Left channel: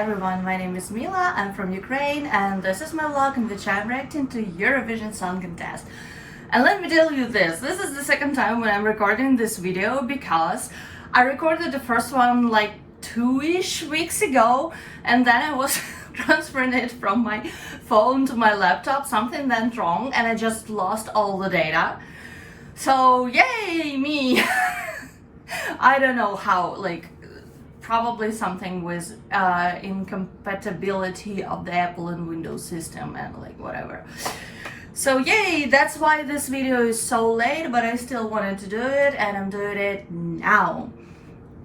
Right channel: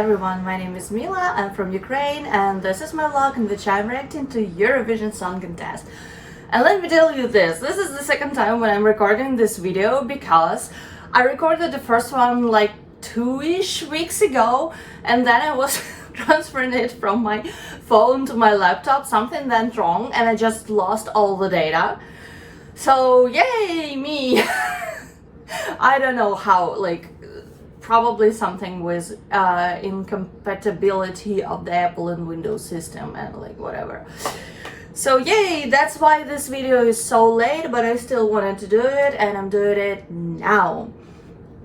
everyone, my name is Mila, I'm from Ukraine and this is my vlog in which I'm reacting to Eurovision Song Contest. And let me tell you this is the second time when I'm recording this video because I recorded the first one like 2-ish weeks ago and then I was transferring it from my phone to my laptop. Something went wrong and I just lost all the data. So yay me! I don't know how, probably something with incompatibility of the Apple and Windows system and whatever. So yay, that's why this video is so late, but I still wanted to do it and I'm doing it now.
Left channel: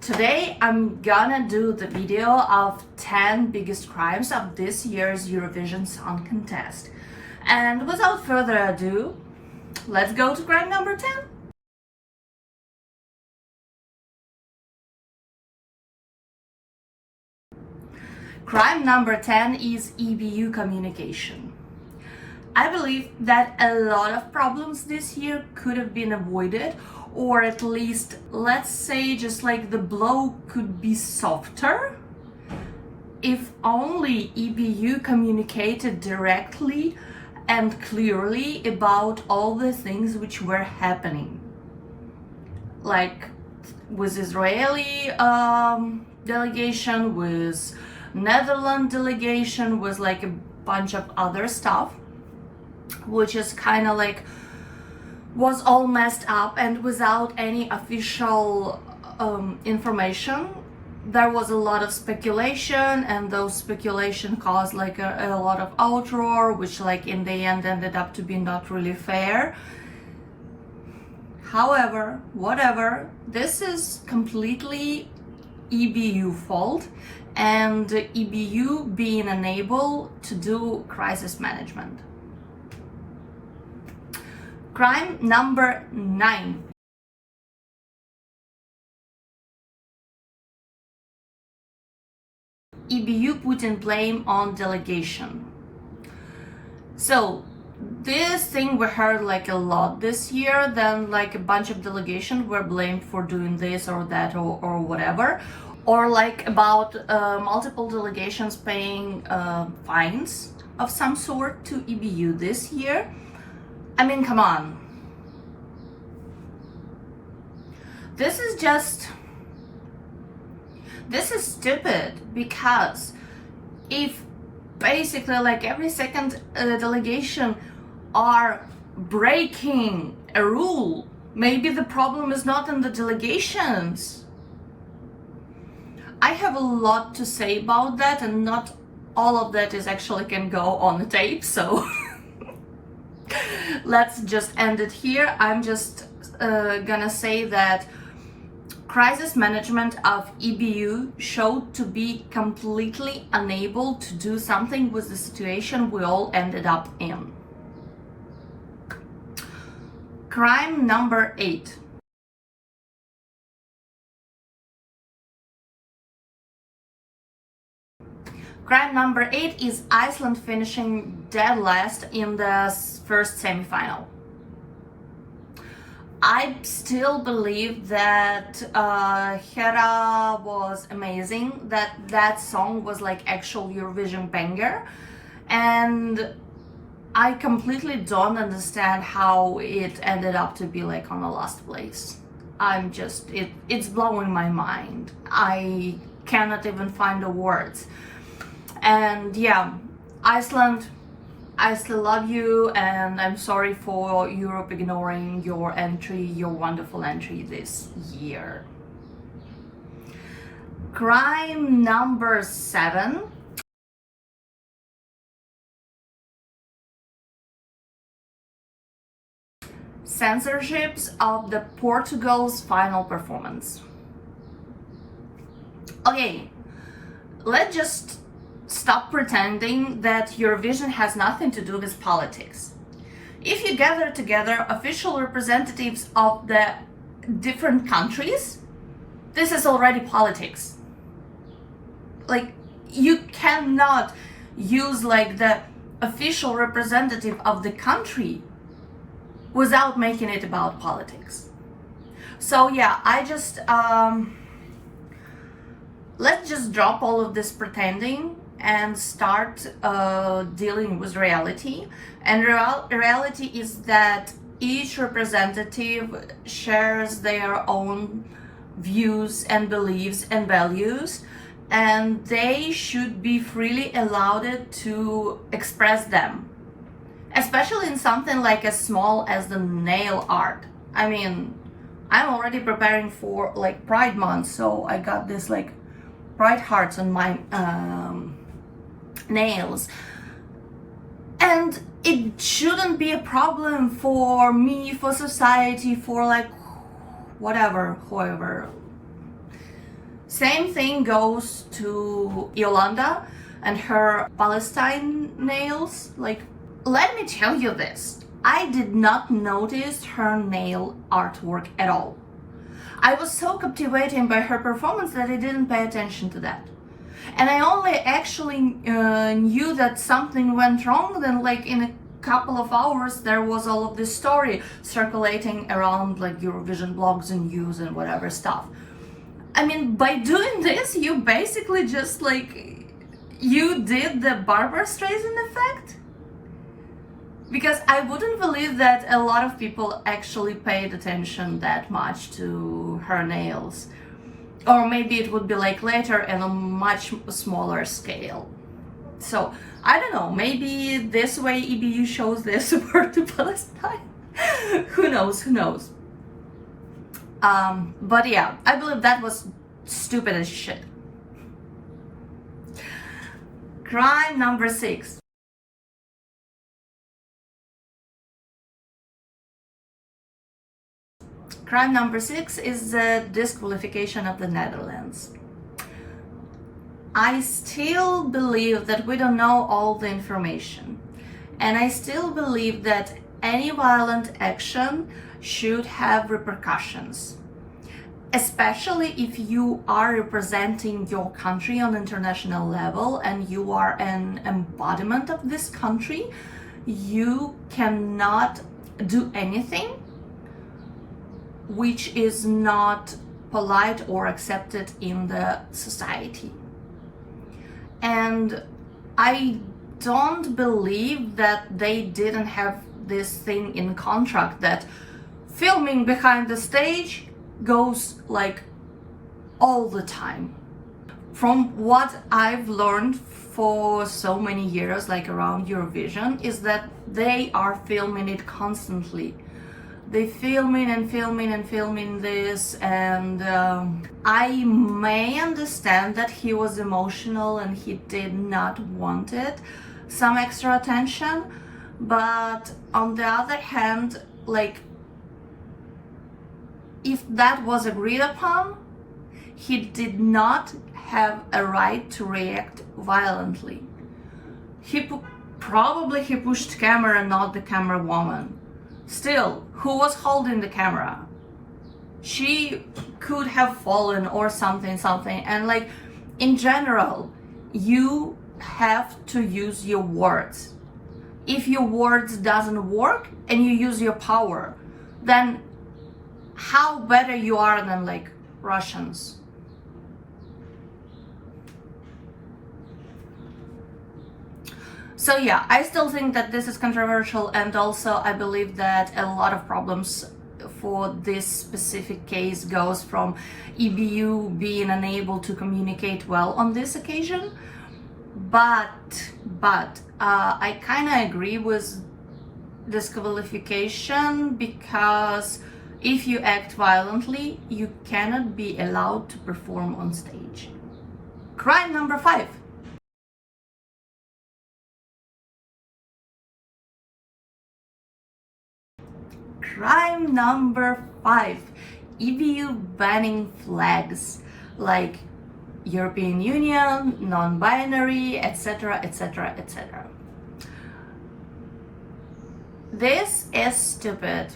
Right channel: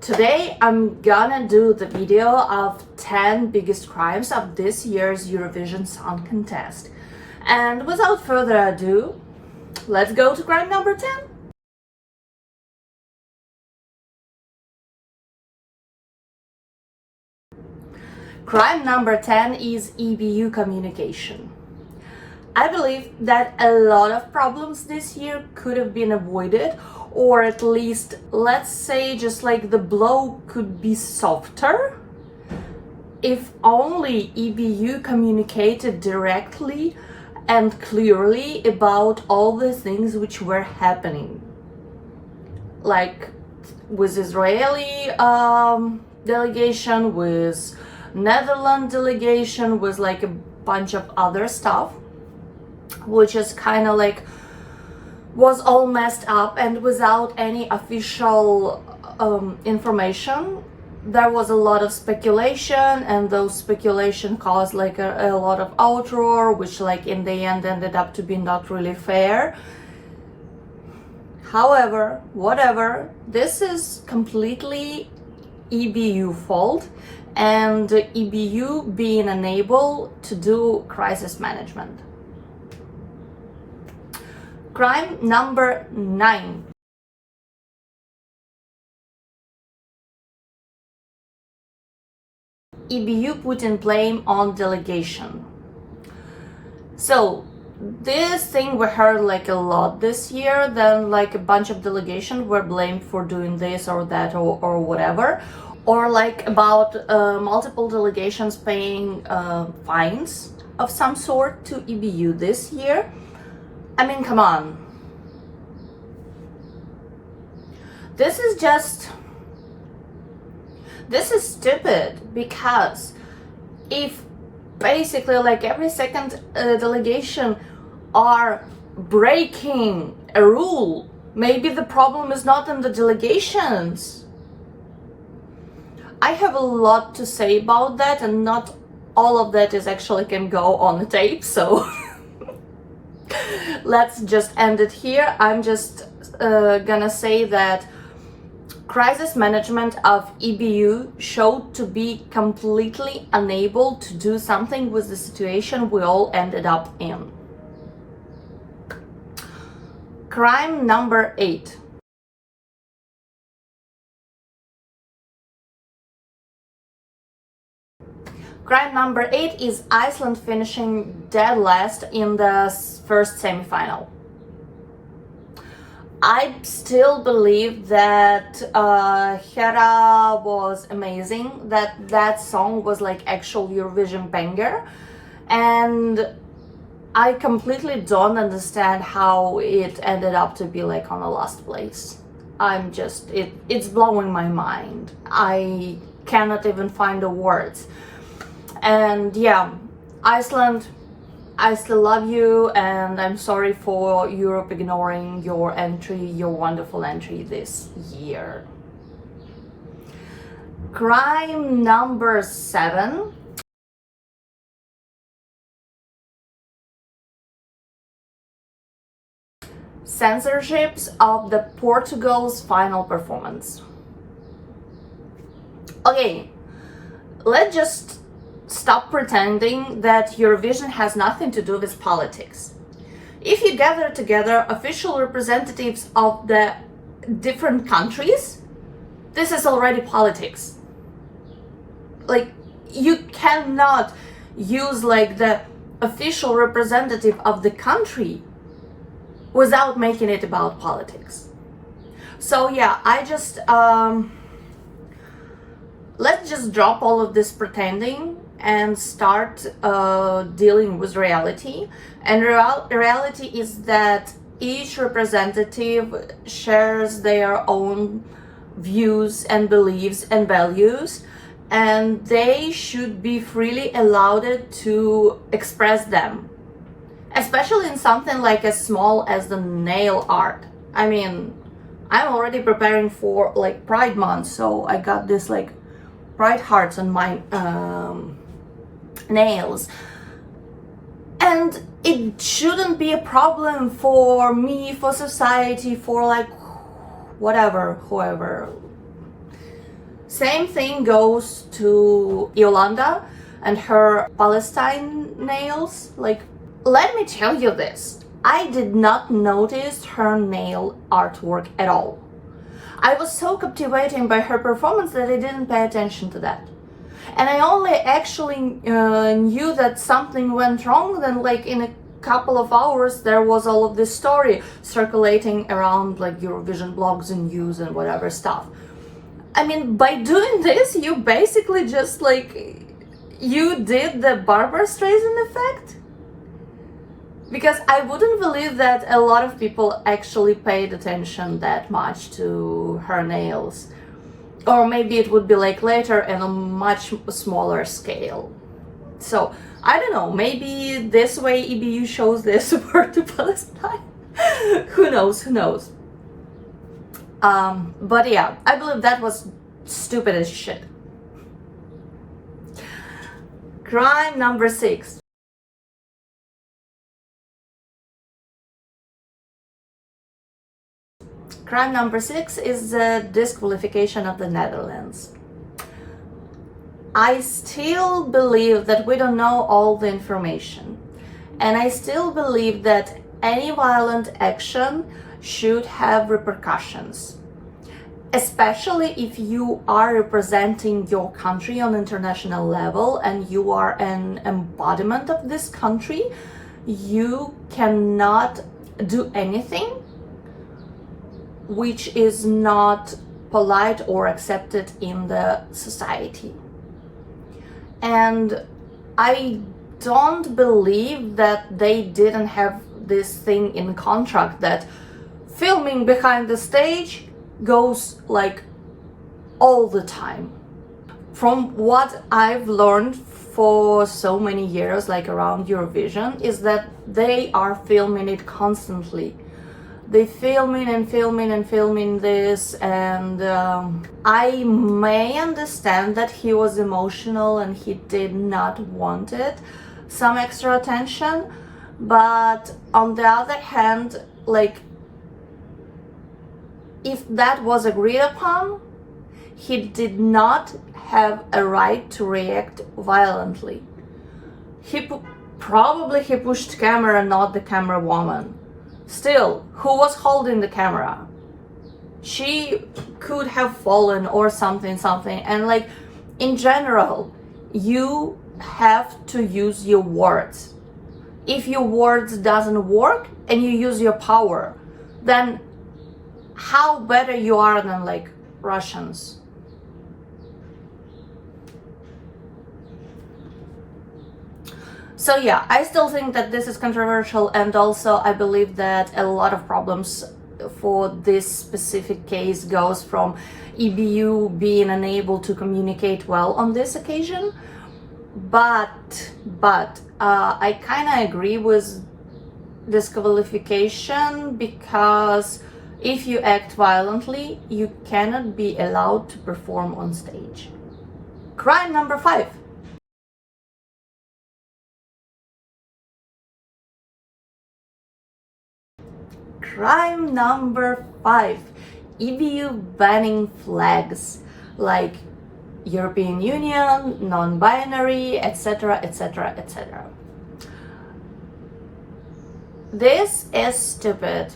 Today I'm gonna do the video of 10 biggest crimes of this year's Eurovision Song Contest. And without further ado, let's go to crime number 10. Crime number 10 is EBU communication. I believe that a lot of problems this year could have been avoided, or at least, let's say, just like the blow could be softer if only EBU communicated directly and clearly about all the things which were happening. Like with Israeli delegation, with Netherlands delegation, with like a bunch of other stuff, which is kind of like was all messed up and without any official information. There was a lot of speculation and those speculation caused like a lot of outroar, which like in the end ended up to be not really fair. However, whatever, this is completely EBU fault and EBU being unable to do crisis management. Crime number 9. EBU putting blame on delegation. So this thing we heard like a lot this year, then like a bunch of delegations were blamed for doing this or that or whatever, or like about multiple delegations paying fines of some sort to EBU this year. I mean, come on. This is stupid, because if basically like every second delegation are breaking a rule, maybe the problem is not in the delegations. I have a lot to say about that, and not all of that is actually can go on the tape, so let's just end it here. I'm just gonna say that crisis management of EBU showed to be completely unable to do something with the situation we all ended up in. Crime number 8. Crime number 8 is Iceland finishing dead last in the first semi-final. I still believe that Hera was amazing, that song was like actual Eurovision banger, and I completely don't understand how it ended up to be like on the last place. It's blowing my mind. I cannot even find the words. And yeah, Iceland, I still love you, and I'm sorry for Europe ignoring your entry, your wonderful entry this year. Crime number 7. Censorships of the Portugal's final performance. Okay, let's just stop pretending that Eurovision has nothing to do with politics. If you gather together official representatives of the different countries, this is already politics. Like, you cannot use like the official representative of the country without making it about politics. So yeah, I just let's just drop all of this pretending and start dealing with reality. And reality is that each representative shares their own views and beliefs and values, and they should be freely allowed to express them, especially in something like as small as the nail art. I mean, I'm already preparing for like Pride Month, so I got this like bright hearts on my nails, and it shouldn't be a problem for me, for society, for like whatever, whoever. Same thing goes to Yolanda and her Palestine nails. Like, let me tell you this, I did not notice her nail artwork at all. I was so captivated by her performance that I didn't pay attention to that. And I only actually knew that something went wrong then like in a couple of hours there was all of this story circulating around like Eurovision blogs and news and whatever stuff. I mean, by doing this, you basically just like, you did the Barbra Streisand effect. Because I wouldn't believe that a lot of people actually paid attention that much to her nails. Or maybe it would be like later and on a much smaller scale. So, I don't know, maybe this way EBU shows their support to Palestine. Who knows, who knows. But yeah, I believe that was stupid as shit. Crime number 6. Crime number 6 is the disqualification of the Netherlands. I still believe that we don't know all the information. And I still believe that any violent action should have repercussions. Especially if you are representing your country on international level and you are an embodiment of this country, you cannot do anything which is not polite or accepted in the society. And I don't believe that they didn't have this thing in contract that filming behind the stage goes like all the time. From what I've learned for so many years, like around Eurovision, is that they are filming it constantly. They filming and filming and filming this, and I may understand that he was emotional and he did not want it, some extra attention, but on the other hand, like, if that was agreed upon, he did not have a right to react violently. Probably he pushed camera, not the camera woman. Still, who was holding the camera? She could have fallen or something, and like, in general, you have to use your words. If your words doesn't work and you use your power, then how better you are than like Russians? So yeah, I still think that this is controversial, and also I believe that a lot of problems for this specific case goes from EBU being unable to communicate well on this occasion. But I kind of agree with disqualification, because if you act violently, you cannot be allowed to perform on stage. Crime number 5. Crime number 5. EBU banning flags like European Union, non-binary, etc, etc, etc. This is stupid.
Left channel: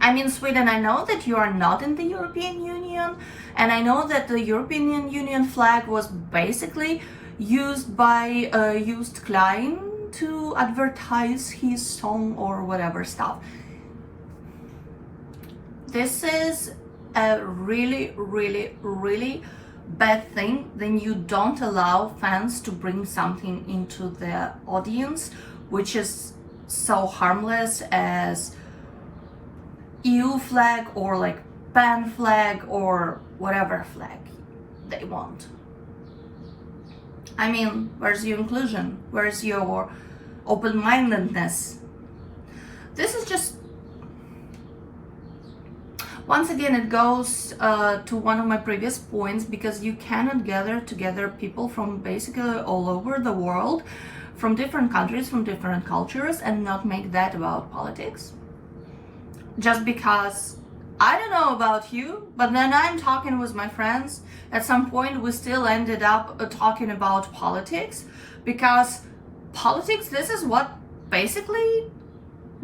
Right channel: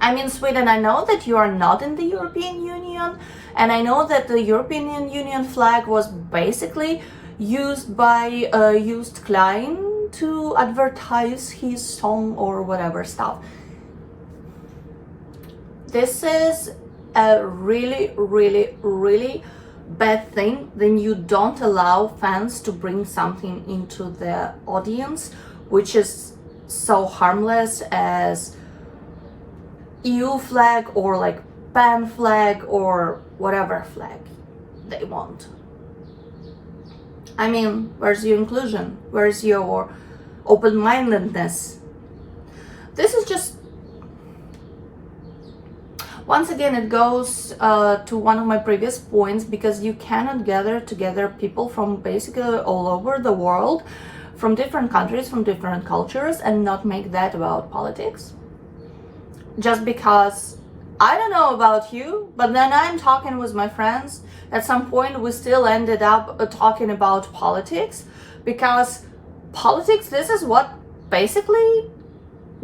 I mean, Sweden, I know that you are not in the European Union, and I know that the European Union flag was basically used by Just Klein to advertise his song or whatever stuff. This is a really bad thing, then you don't allow fans to bring something into the audience which is so harmless as EU flag or like pan flag or whatever flag they want. I mean, where's your inclusion? Where's your open-mindedness? This is just, once again, it goes to one of my previous points, because you cannot gather together people from basically all over the world, from different countries, from different cultures, and not make that about politics. Just because, I don't know about you, but then I'm talking with my friends, at some point we still ended up talking about politics, because politics, this is what basically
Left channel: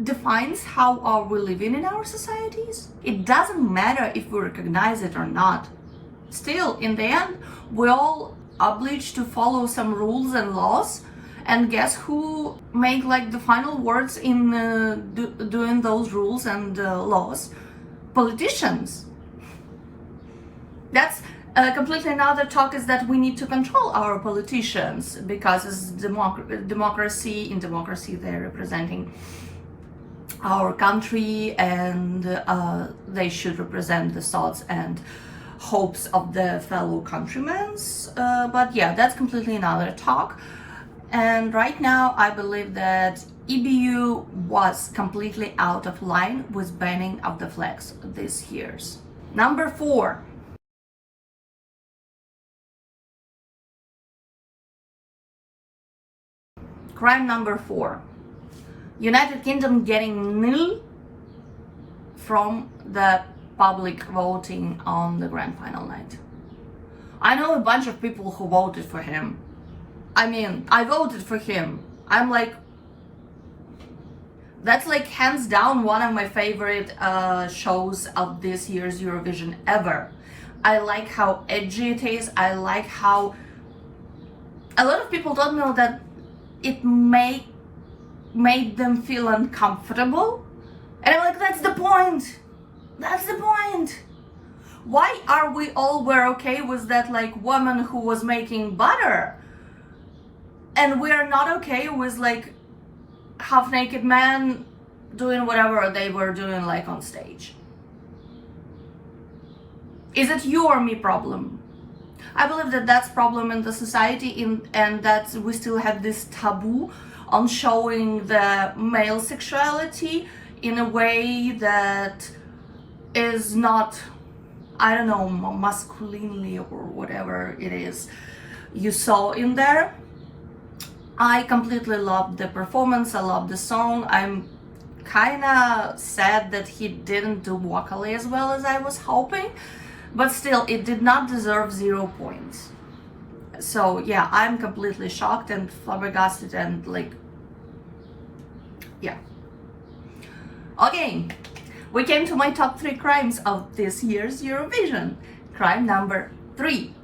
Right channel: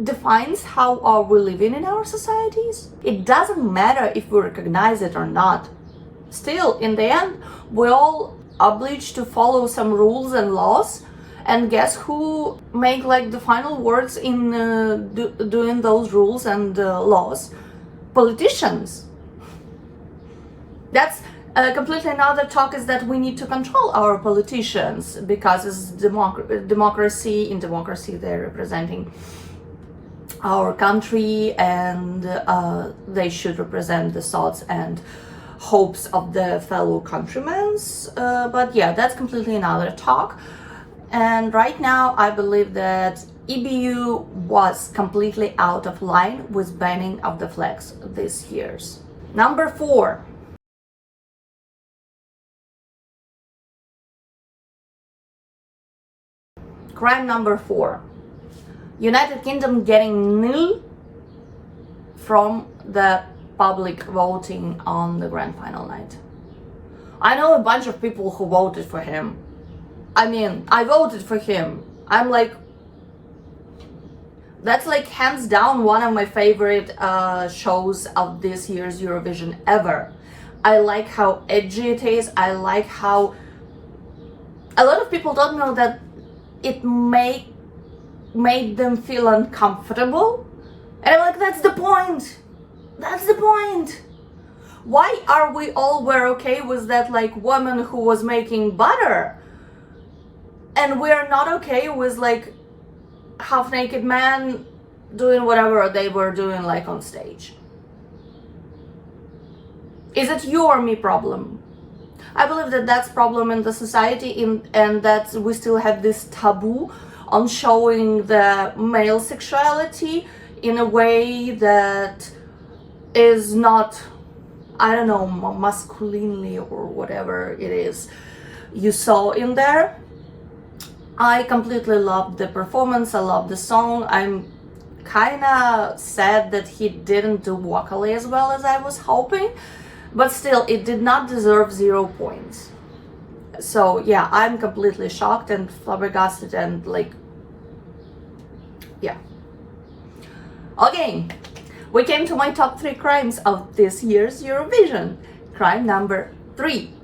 defines how are we living in our societies. It doesn't matter if we recognize it or not. Still, in the end, we're all obliged to follow some rules and laws, and guess who make like the final words in doing those rules and laws? Politicians. That's completely another talk, is that we need to control our politicians, because it's democracy. In democracy, they're representing our country, and they should represent the thoughts and hopes of the fellow countrymen. But yeah, that's completely another talk. And right now, I believe that EBU was completely out of line with banning of the flags this year. Number 4. Crime number 4. United Kingdom getting nil from the public voting on the grand final night. I know a bunch of people who voted for him. I mean, I voted for him. I'm like, that's like hands down one of my favorite shows of this year's Eurovision ever. I like how edgy it is. I like how a lot of people don't know that it made them feel uncomfortable. And I'm like, that's the point. That's the point. Why are we all were okay with that like woman who was making butter? And we're not okay with like half-naked man doing whatever they were doing like on stage. Is it you or me problem? I believe that that's problem in the society, and that we still have this taboo on showing the male sexuality in a way that is not, I don't know, masculinely or whatever it is you saw in there. I completely loved the performance. I love the song. I'm kind of sad that he didn't do vocally as well as I was hoping, but still, it did not deserve 0 points. So yeah, I'm completely shocked and flabbergasted and like, yeah. Okay, we came to my top 3 crimes of this year's Eurovision. Crime number 3.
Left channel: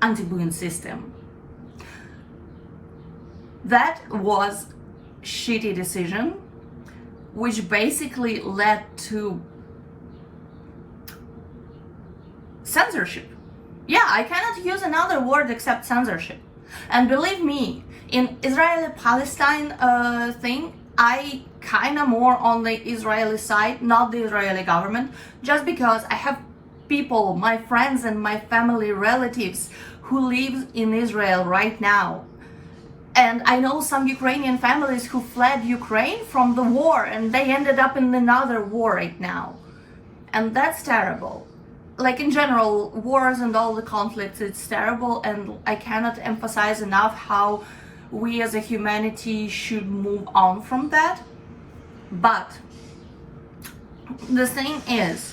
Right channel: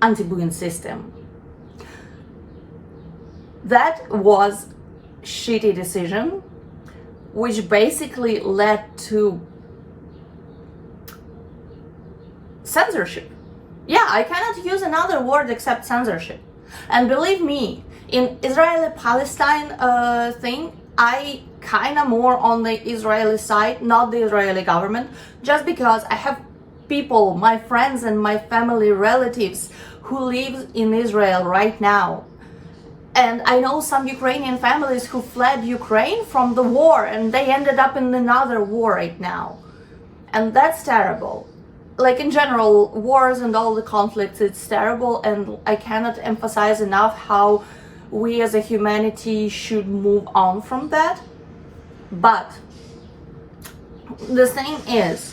Anti-booing system. That was shitty decision, which basically led to censorship. Yeah, I cannot use another word except censorship. And believe me, in Israeli-Palestine thing, I kinda more on the Israeli side, not the Israeli government, just because I have people, my friends and my family relatives who live in Israel right now. And I know some Ukrainian families who fled Ukraine from the war, and they ended up in another war right now. And that's terrible. Like in general, wars and all the conflicts, it's terrible, and I cannot emphasize enough how we as a humanity should move on from that. But the thing is,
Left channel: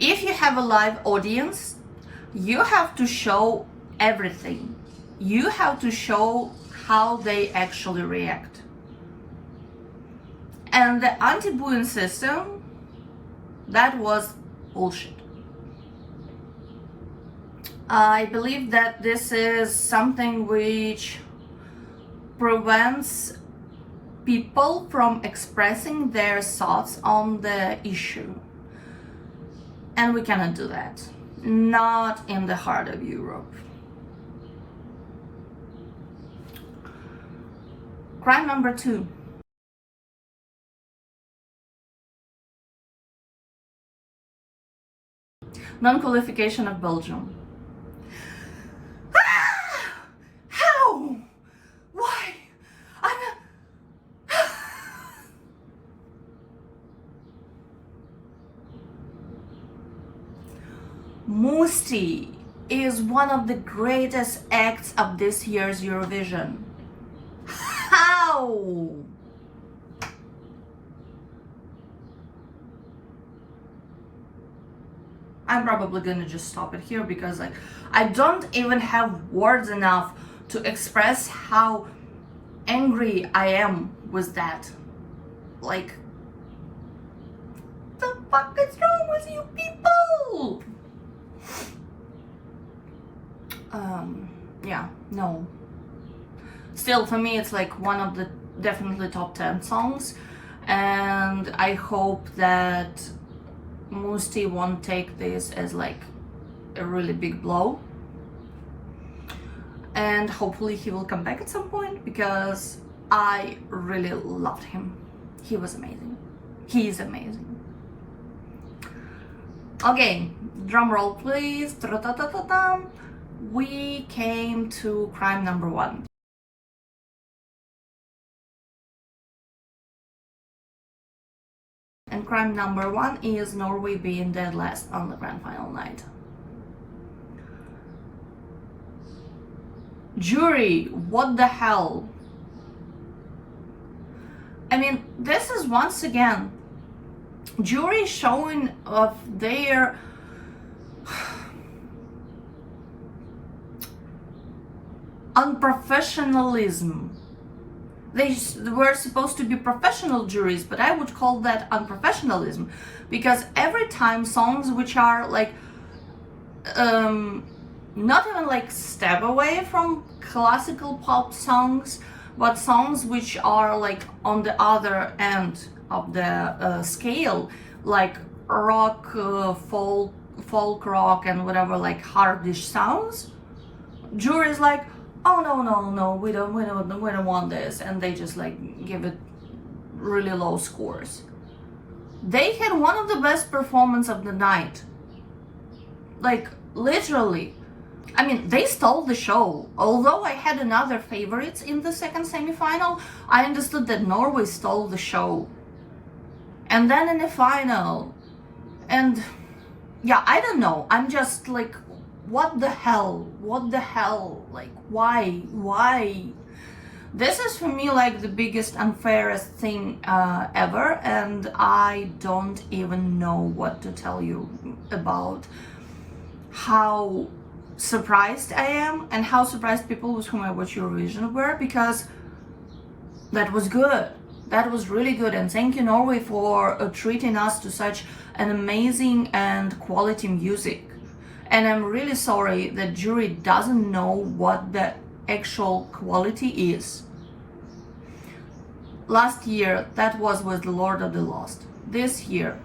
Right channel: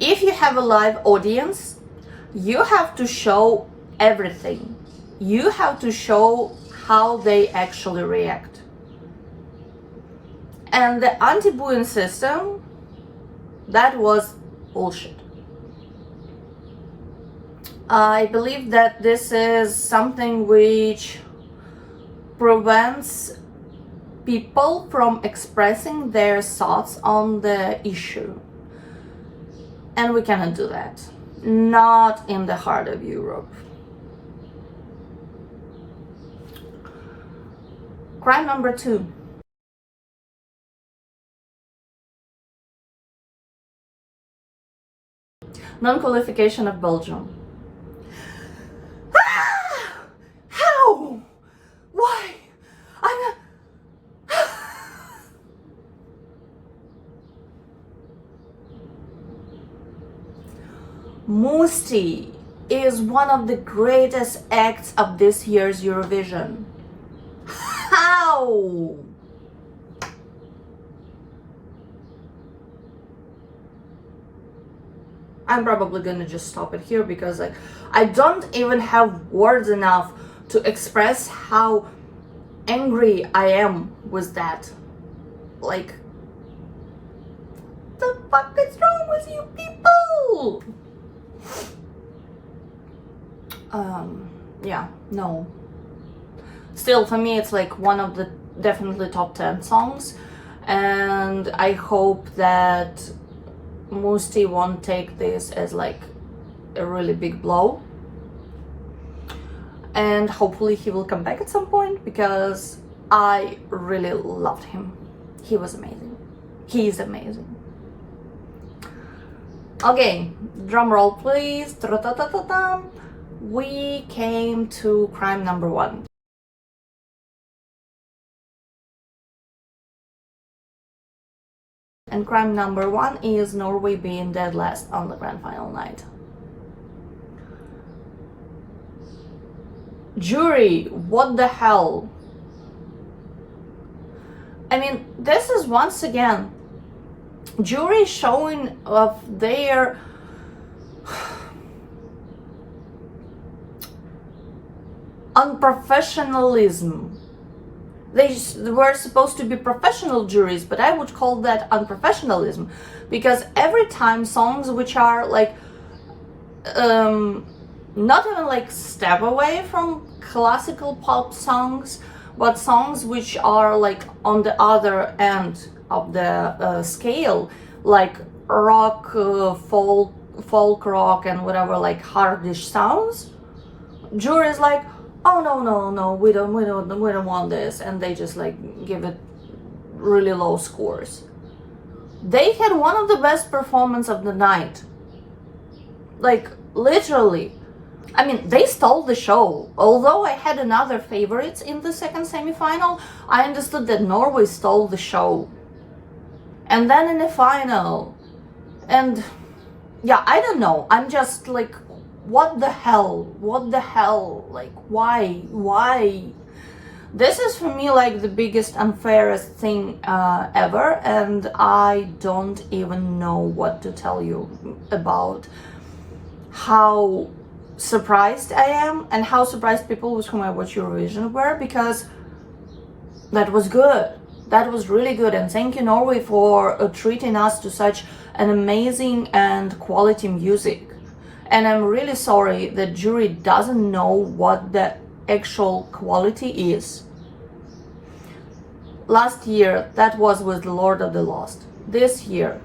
if you have a live audience, you have to show everything. You have to show how they actually react. And the anti-booing system, that was bullshit. I believe that this is something which prevents people from expressing their thoughts on the issue. And we cannot do that. Not in the heart of Europe. Crime number 2. Non-qualification of Belgium. How? Why? I'm not... Musti is one of the greatest acts of this year's Eurovision. How? I'm probably gonna just stop it here because like I don't even have words enough to express how angry I am with that. Like, the fuck is wrong with you people? Yeah, no. Still, for me, it's like one of the definitely top 10 songs, and I hope that Musti won't take this as like a really big blow, and hopefully he will come back at some point because I really loved him. He was amazing. He is amazing. Okay, drum roll please. Ta-ta-ta-ta-ta. We came to crime number 1. And crime number 1 is Norway being dead last on the grand final night. Jury, what the hell? I mean, this is once again jury showing of their unprofessionalism. They were supposed to be professional juries, but I would call that unprofessionalism, because every time songs which are like not even like step away from classical pop songs, but songs which are like on the other end of the scale, like rock, folk rock and whatever, like hardish sounds, jury's like, oh no, we don't want this, and they just like give it really low scores. They had one of the best performances of the night, like literally. I mean, they stole the show. Although I had another favorites in the second semi-final, I understood that Norway stole the show. And then in the final, and yeah, I don't know, I'm just like, what the hell, like why? This is for me like the biggest unfairest thing ever, and I don't even know what to tell you about how surprised I am and how surprised people with whom I watch Eurovision were, because that was good. That was really good, and thank you Norway for treating us to such an amazing and quality music. And I'm really sorry that jury doesn't know what the actual quality is. Last year that was with Lord of the Lost. This year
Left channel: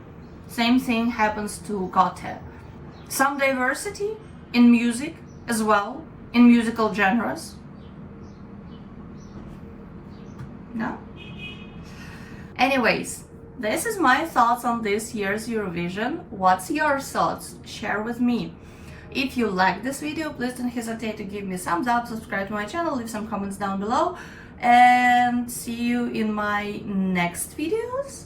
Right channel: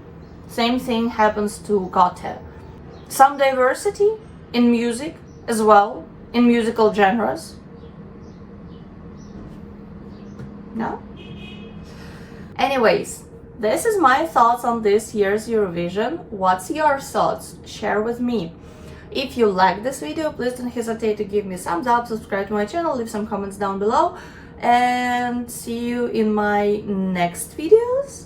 same thing happens to Gote. Some diversity in music as well, in musical genres. No? Anyways, this is my thoughts on this year's Eurovision. What's your thoughts? Share with me. If you like this video, please don't hesitate to give me a thumbs up, subscribe to my channel, leave some comments down below, and see you in my next videos.